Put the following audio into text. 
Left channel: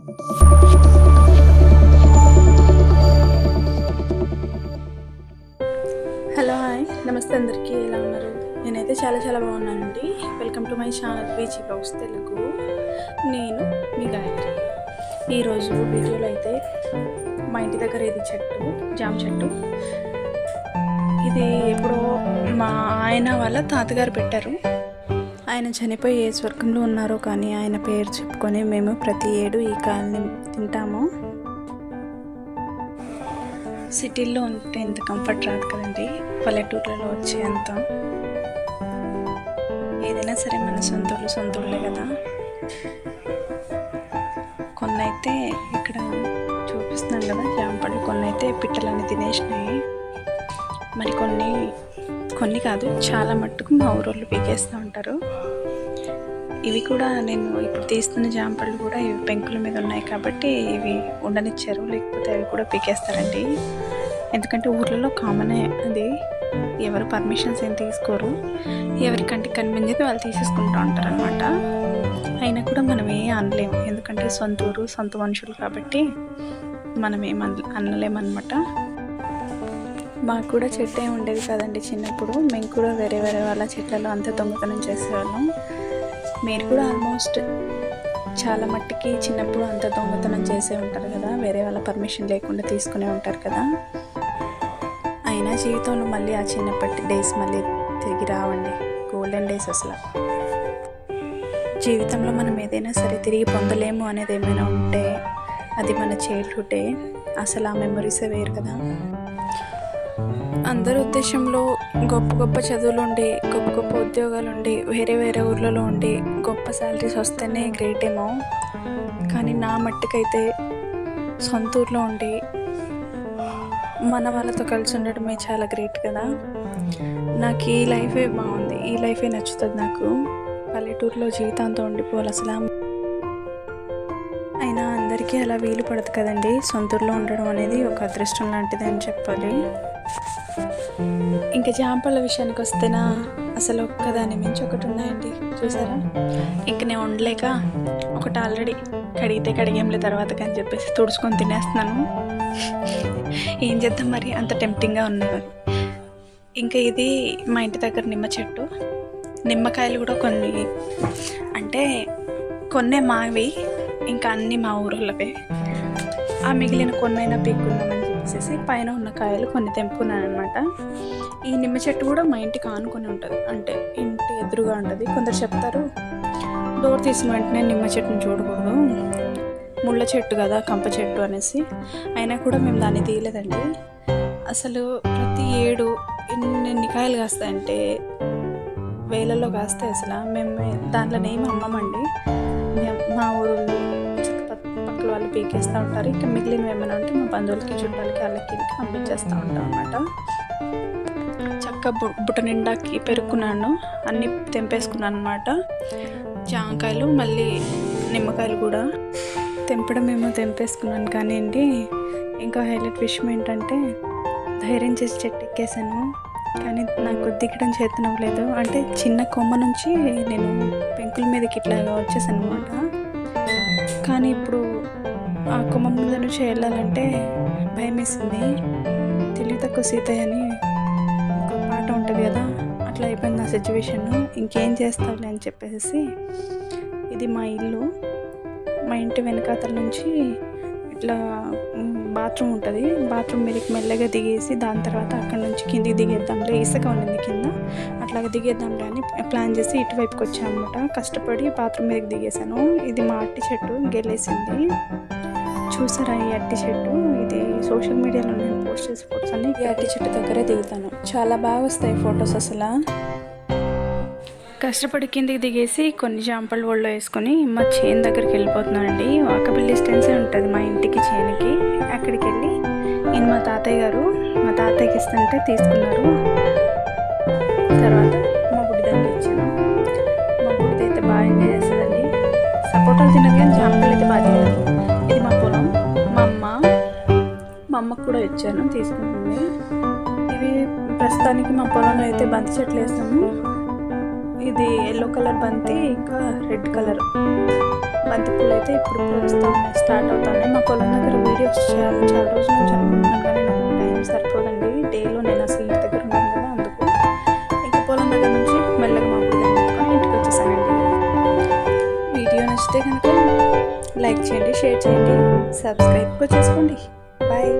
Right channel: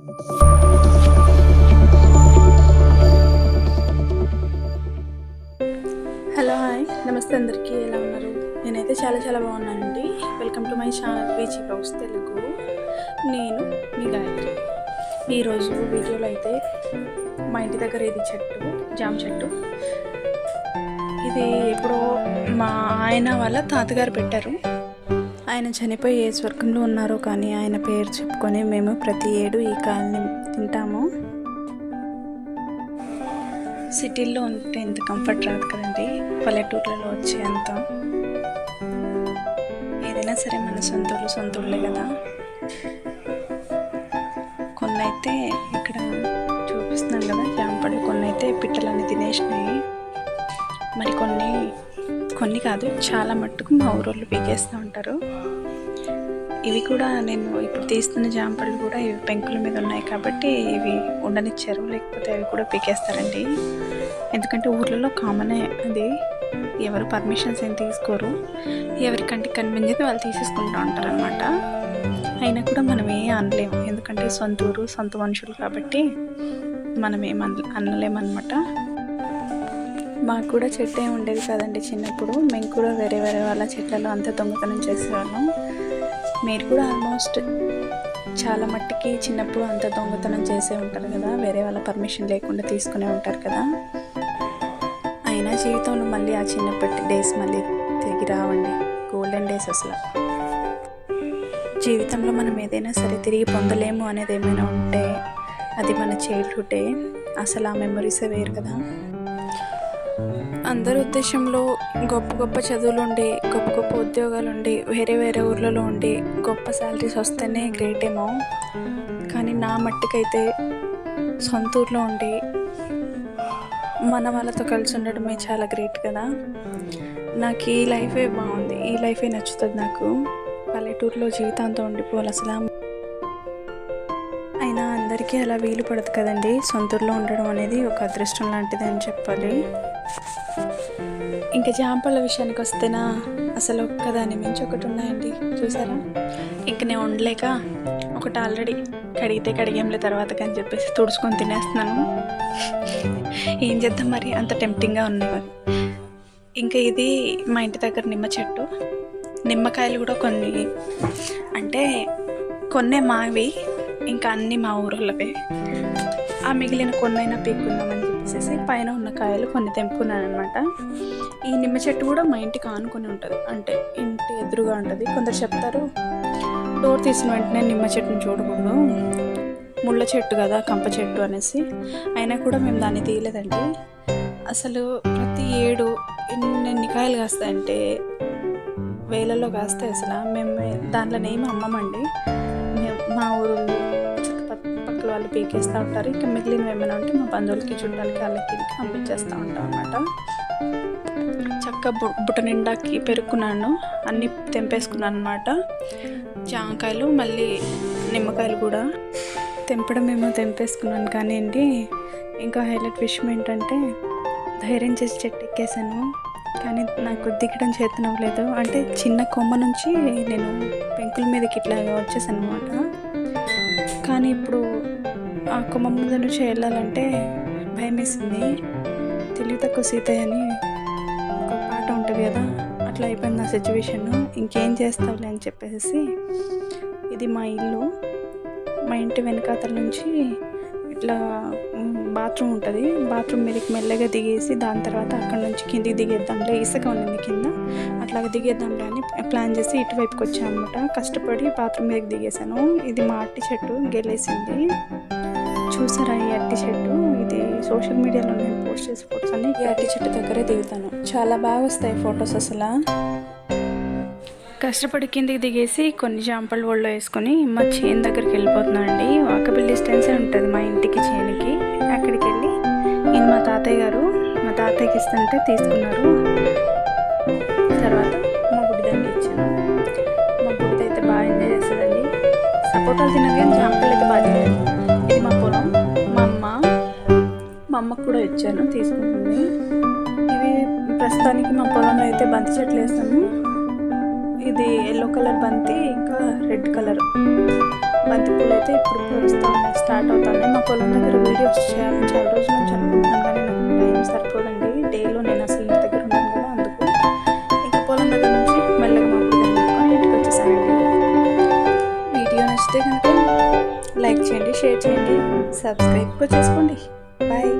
Hello hi నమస్తే అందరికీ, ఎలా ఉన్నారు? నేనైతే చాలా బాగున్నానండి. వెల్కమ్ టు మై ఛానల్ వీచీ బ్లాగ్స్ తెలుగు. నేను మీ గాయత్రి. ఈరోజు వీడియోలో అయితే మా ఇంటి దగ్గర ఇది చెట్టు, జామ చెట్టు. ఇది ఎప్పుడో మా ఆయన వాళ్ళ తాతగారు పెట్టారు. ఆయన చనిపోయి ఏ స్వర్గంలో ఉన్నారో కానీ ఆయన పేరు చెప్పుకొని మేము ప్రతి ఏడు ఈ కాయల్ని తింటాము. సిటీల్లో ఉంటే ఇంత కంఫర్ట్ రాదు కదండి, పల్లెటూర్లలో వచ్చే అంత. ఏదైనా సరే మన సొంతూళ్ళే కదా. కొన్ని అయితే ఇక్కడ చూపిస్తున్నాను కదా జామపళ్ళు, కొన్ని అయితే పిట్టలన్నీ తినేసినాయి. మరి కొన్ని కాదు, చాలా మట్టుకు మా ఊరోళ్ళు పీకేస్తూ ఉంటారు. ఇవి కూడా నేను ఇప్పుడు తీస్తున్న జామపళ్ళు కూడా ఇవి పెంకుల మీద ఉన్నాయి కాబట్టి ఇవి ఉండనిచ్చారు, లేకపోతే అవి కూడా పీకేస్తారండి. ఎందుకంటే ఊర్లలో కామనే అది, ఎవరు పర్మిషన్స్ ఏం తీసుకోరు, ఎవరికంటే కనిపించేది వాళ్ళు తీసేసుకుంటూ ఉంటారు అనమాట. అయినా కూడా మనం ఏం అనలేము, ఎందుకంటే సొంత ఊరు సొంత మనుషులు కాబట్టి మనం ఏం అనలేమన్నమాట. మాకు కూడా చెట్టు ఏమి ఉండేది కాదండి చిన్నప్పుడు. మేము కూడా వేరే వాళ్ళ చెట్లలో అంతా దొంగతనం చేసేవాళ్ళం. మీరు కూడా ఆల్మోస్ట్ చాలా మట్టికి చిన్నప్పుడు అంత దొంగతనం చేసే ఉంటారు కదా, వేరే వాళ్ళ పర్మిషన్ లేకుండా తీసుకునే ఉంటారు కదా. అయినా జీవితంలో మళ్ళీ ఆ చిన్నప్పటి డేస్ మళ్ళీ తిరిగి రావండి, గోల్డెన్ డేస్ అసలు. జీవితంలో మనం ఏదైనా సరే తిరిగి పొందలేము అనేది ఏమైనా ఉంటే అది మన చైల్డ్హుడ్డే. అసలు ఆ మెమరీసే వేరు కదా. అందరి ఉద్దేశంలో గొప్ప చదువులు ఉండి, గొప్ప ఉద్యోగాలు ఉండి, వేరే ఊర్లలో ఉండి గొప్ప శాలరీస్ వస్తేనే గ్రేట్ ఏమో. కానీ నా మట్టుకైతే సొంత ఊర్లో ఉండి మన వాళ్ళతో కలిసి ఉండడమే చాలా గ్రేట్ కదా. నాకు ఈ లైఫే బాగుంది, ఈ లైఫే నచ్చుతుంది నాకు. పల్లెటూరులో జీవితాంతం ఉండిపోవాలి అసలు. అయినా అందరికీ అలా వీలు పడదు కదండి. సొంతూరులో ఉండడం అనేది ఒక అదృష్టం లాంటిది అని చెప్పాలి. ఇంకా జామపళ్ళ విషయానికి వస్తేనా అసలు ఒక్కదాని మించి ఒకటి ఉన్నాయండి, చూసారా. ఇంక నేను ఉండలేక ఒకటి ఆల్రెడీ కడిగేంలే తర్వాత కానీ చెప్పేసి తుడుచుకొని తినేస్తున్నాను. ఏం చేద్దాం మరి, అంత టెంప్టింగ్గా ఉన్నాయి మరి. ఇంకా ఇది మా ఇంటి దగ్గర నిమ్మ చెట్టు. నిమ్మకాయలు కూడా కొన్నే మావి, ఇంకా అన్నీ మా ఊరోళ్ళవే. ఆ మిగిలిన కొన్నైనా పీక్కుందామని చెప్పేసి పైన ఉన్న కాయలు కొన్ని తెంపుకున్నాను అనమాట. ఈ నిమ్మ చెట్టు కూడా మా ఇంటికి ఆనుకొని ఉంటుంది, అంటే ఇంటి ఎదురుగా ఉంటుంది. కొందరు చెప్తారు డోర్ తీసిన వెంటనే నిమ్మ చెట్టుని చూడకూడదు, ముళ్ళ చెట్టు కదా, కంప చెట్టు అనేసి. అయినా కూడా మేము దాన్ని తీయలేదండి. అసలు ప్రతి ఏడు ఎన్ని కాయలు కాస్తాయంటే వేలలో కాస్తాయి అసలు. మేము దాంట్లో ఏమి అమ్మమండి, మా ఊళ్ళో చుట్టుపక్కల వాళ్ళు పీకేస్తూ ఉంటారు. ఇంకా మిగిలినవి ఏమైనా ఉంటే మా బంధువులకి చుట్టాలకి వాళ్ళకి పంపించేస్తూ ఉంటాం అన్నమాట. చక్క బుట్ట నిండాకి పెరుక్కున్నాను, అన్నీ తెంపేసుకున్నాను అనమాట. జామకాయలు మళ్ళీ నిమ్మకాయలు కూడా తెంపడమేమో తెంపేసుకున్నాను. కానీ అండి ఇంకా హైలైట్ విషయం ఏంటంటే ధైర్యం చేసి చెట్టు ఎక్కేసాను, కానీ నాకు దిగడం చేతనవ్వలేదు. అంటే చిన్న కొమ్మ నుంచి నేను పెంకుల మీదకి ఇట్లాగా వచ్చేసాను అనమాట. కానీ ఇప్పుడు ఆ కొమ్మ మీద నుంచి వెళ్ళాలంటే భయం వేసింది. తెలివి తక్కువ సీతయ్య అని ఒక పాట ఉంటుంది కదా, అట్లా అయిపోయింది నా సిచ్యువేషన్. ఇంకేం చేస్తావులే అని చెప్పేసి, ఇది మా ఇల్లు. మా ఇంటి వెనకాతల నుంచి ఇట్లా బాత్రూమ్ ఉంటుంది, బాత్రూమ్ మీదకి మెల్లగా దిగేసి దాని తర్వాత అక్కడ నుంచి కిందికి దిగేద్దాంలే, ఇసుక ఉండింది కింద, అట్లాగా దిగేద్దాంలే అని ప్లాన్ చేసి ఇటువైపుకి వచ్చాను అనమాట. కష్టపడి బాత్రూమ్ మీదకి దిగేసాను. ఇది మా అట్టి చెట్టు గెలేసింది, చూసారా ఈ అట్టి చెట్టు. ఇది సోషల్ మీడియాలో నేను పోస్ట్ చేసే ఫొటోస్ అన్ని ఈ అట్టి చెట్టు దగ్గరే దిగుతాను, చాలా బాగా వస్తాయి ఫొటోస్ అసలు. కష్టపడి కిందికి దిగేసి కొన్ని జాంపళ్ళు ఒళ్ళో వేసుకొని మా చేను దగ్గరికి వెళ్ళిపోతున్నానండి. వాకబుల్ డిస్టెన్సే ఉంటుంది మా ఇంటికి చేనుకి. అక్కడికి వెళ్ళి నేను మా తాతయ్యకి ఇస్తుంటే తీసుకున్నారు. తర్వాత మా బుడ్డిదానికి ఇచ్చాను. మా బుడ్డిది అయితే బాగా ఎంజాయ్ చేస్తుందండి. సపోటాలు తినదు కానీ జాంపళ్ళు అయితే బాగా తినదు. ఇది మా పొలం, మా అమ్మకు కూడా ఇచ్చాను, తీసుకుంటుంది. ఇవి ప్రస్తుతానికి మా పొలంలో అయితే బంతి చెట్లు వేస్తాము. ఇది ఎల్లో కలర్ బంతి, ఇంకా రెడ్ కలర్ బంతిపూలు అయితే ఇప్పుడు వస్తూ ఉన్నాయి, స్టార్ట్ అవుతున్నాయి. మా పొలం దగ్గర వీడియోస్ చేయాలని చాలా రోజుల నుంచి అనుకుంటున్నాను, కానీ నాకు టైం సరిపోదండి. డేలో నేను అసలు ఇంటి దగ్గర ఉన్నాను కదా, అందుకు ఇంకా పొలం దగ్గర నుంచి మెల్లగా మా బుడిదని పెట్టుకొని ఇంటికి వచ్చేసానండి. వీడియో నచ్చితే కనుక లైక్ చేయండి, షేర్ చేయండి, సబ్స్క్రైబ్ కూడా చేసుకోండి. బాయ్.